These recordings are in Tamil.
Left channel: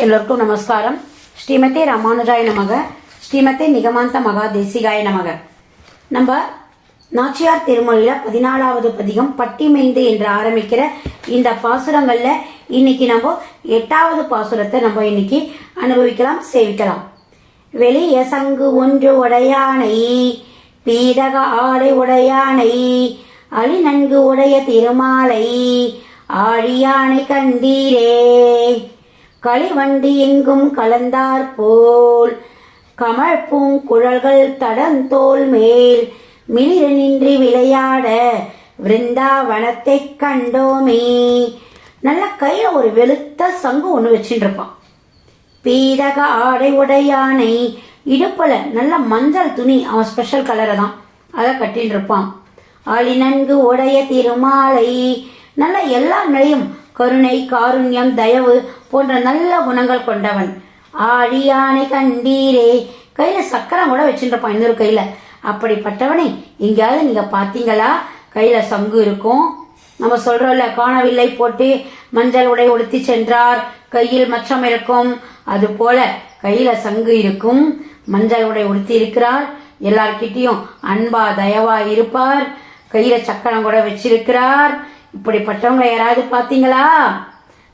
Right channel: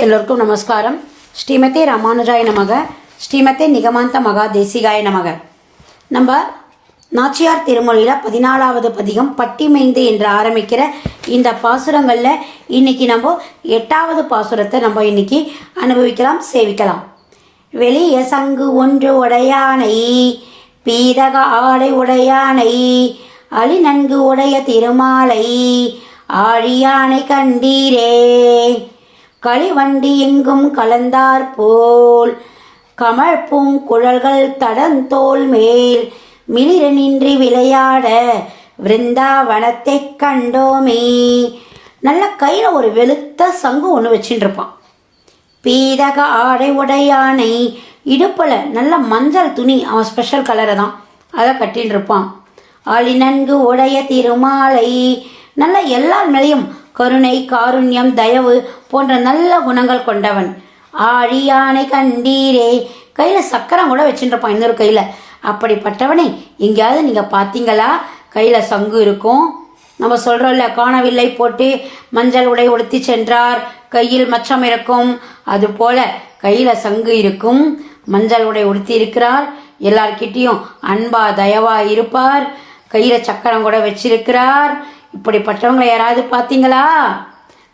எல்லோருக்கும் நமஸ்காரம் ஸ்ரீமதே ராமானுஜாய நமக ஸ்ரீமதே நிகமாந்த மகா தேசிகாய நமக நம்ம நாச்சியார் திருமொழியில் பதினாலாவது பதிகம் பட்டிமைந்து என்று ஆரம்பிக்கிற இந்த பாசுரங்களில் இன்னைக்கு நம்ம எட்டாவது பாசுரத்தை நம்ம இன்னைக்கு அனுபவிக்கலாம் சேவிக்கலாம் வெளிய சங்கு ஒன்று உடையானை பீதக ஆடை உடையானை அலி நன்கு உடைய திருமாலை ஆழியானை கண்டீரே. களிவண்டி எங்கும் கலந்தார் போல். கமல் பூங்குழல்கள் தடந்தோல் மேல். மிளிர நின்று விளையாட விருந்தாவனத்தை கண்டோமே. நல்ல கையில் ஒரு வெளுத்த சங்கு ஒன்று வச்சுட்டு இருப்பான் பீதக ஆடை உடையானை இடுப்பில் நல்ல மஞ்சள் துணி அவன் ஸ்பெஷல் கலரை தான். அதை கட்டின்னு இருப்பான் அழி நன்கு உடைய திருமாலை நல்ல எல்லா நிலையும் கருணை காருண்யம் தயவு போன்ற நல்ல குணங்கள் கொண்டவன். ஆழியானை கண்டீரே. கையில் சக்கரம் கூட வச்சுருப்பான் இன்னொரு கையில். அப்படிப்பட்டவனை எங்கேயாவது நீங்கள் பார்த்தீங்களா? கையில் சங்கு இருக்கும். நம்ம சொல்றோம்ல காணவில்லை போட்டு மஞ்சள் உடை உடுத்தி சென்றார். கையில் மச்சம் இருக்கும். அது போல கையில சங்கு இருக்கும். மஞ்சள் உடை உடுத்தி இருக்கிறார். எல்லார்கிட்டயும் அன்பா தயவா இருப்பார். கையில சக்கரம் கூட வச்சிருக்கிறார். இப்படிப்பட்டவங்களை யாராவது பார்த்தீங்களா?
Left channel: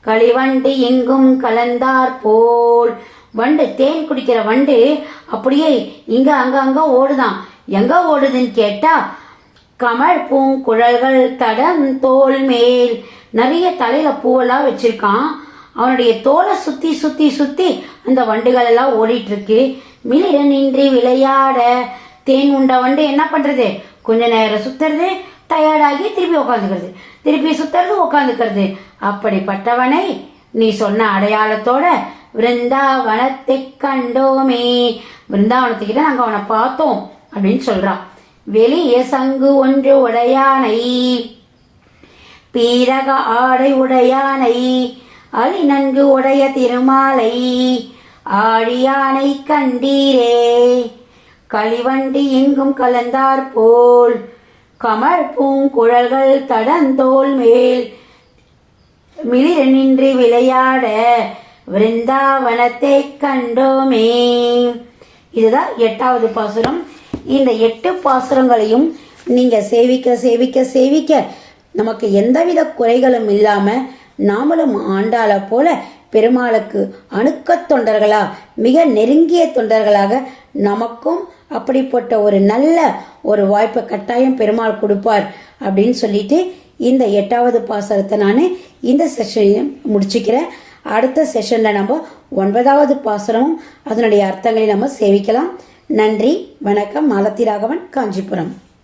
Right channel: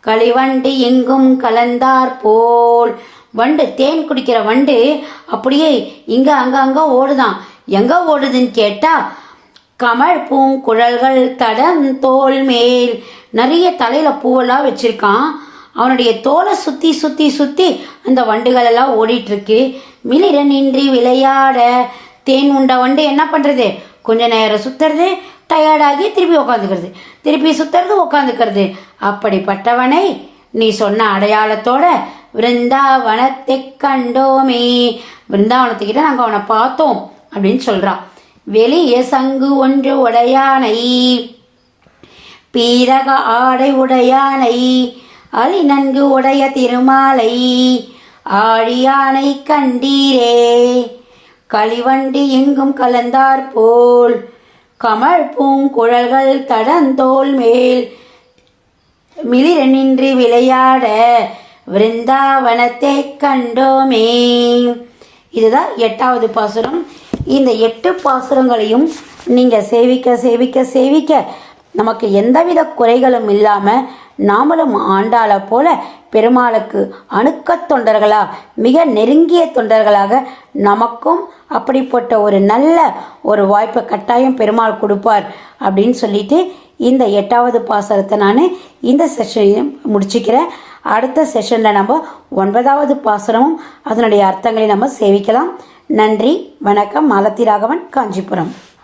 களிவண்டு எங்கும் கலந்தார் போல். வண்டு தேன் குடிக்கிற வண்டு அப்படியே இங்க அங்க அங்க ஓடுதான். எங்க ஓடுதுன்னு கேட்டா கமல் பூங்குழல்கள் தடம் தோல் மேல். நிறைய தலையில பூவெல்லாம் வச்சிருக்கான். அவனுடைய தோலை சுத்தி சுத்தி சுத்தி அந்த வண்டுகள் எல்லாம் ஓடிட்டு இருக்கு மிளிர நின்றி விளையாட. தேன் உண்ட வண்டு என்ன பண்றது? கொஞ்ச நேரம் சுத்துறது டயர்டாகி திருப்பி உட்காந்துக்கிறது திருப்பி சுத்துறது உட்காந்துக்கிறது அப்படிப்பட்டவனை நீ சொன்ன அடையாளத்தோட விருந்தாவனத்தை கண்டோமே விருந்தாவனத்துக்கிட்ட நாங்கள் அவனை பார்த்தோம் அப்படின்னு சொல்றான் வெளிய சங்கு ஒன்று உடையானை பீரக ஆடை உடையானை அலி நன்கு உடைய திருமாலை ஆழியானை கண்டீரே களிவண்டி எங்கும் கலந்தார் போல் கமல் பூங்குழல்கள் தடந்தோல் மேல். மிளிர நின்று விளையாட விருந்தாவனத்தை கண்டோமே. இதுதான் எட்டாவது பாசுரம். இந்த எட்டு பாசுரங்களையும் நீங்கள் சேவிக்க சேவிக்க சேவிக்க நமக்கு எந்தவித குறைகளும் இல்லாமல் நாமளும் ஆண்டாளை போல பெருமாளுக்கு அணுக்கத் தொண்டர்களாக மிக நெருங்கிய தொண்டர்களாக நமக்கும் அப்படிப்பட்ட ஒரு நல்ல ஒரு வாய்ப்பை கட்டாயம் பெருமாள் கொடுப்பார் அப்படின்னு சொல்லிட்டு இந்த எட்டாவது பாசரத்தை நான் இந்த செஷனையும் முடிச்சுக்கிறேன். அடுத்த செஷனில் நம்ம ஒன்பதாவது பாசரமும் அதனுடைய அர்த்தங்களை நம்ம சேவிக்கலாம். நன்றி வணக்கம். மாலத்தி ராகவன் காஞ்சிபுரம்.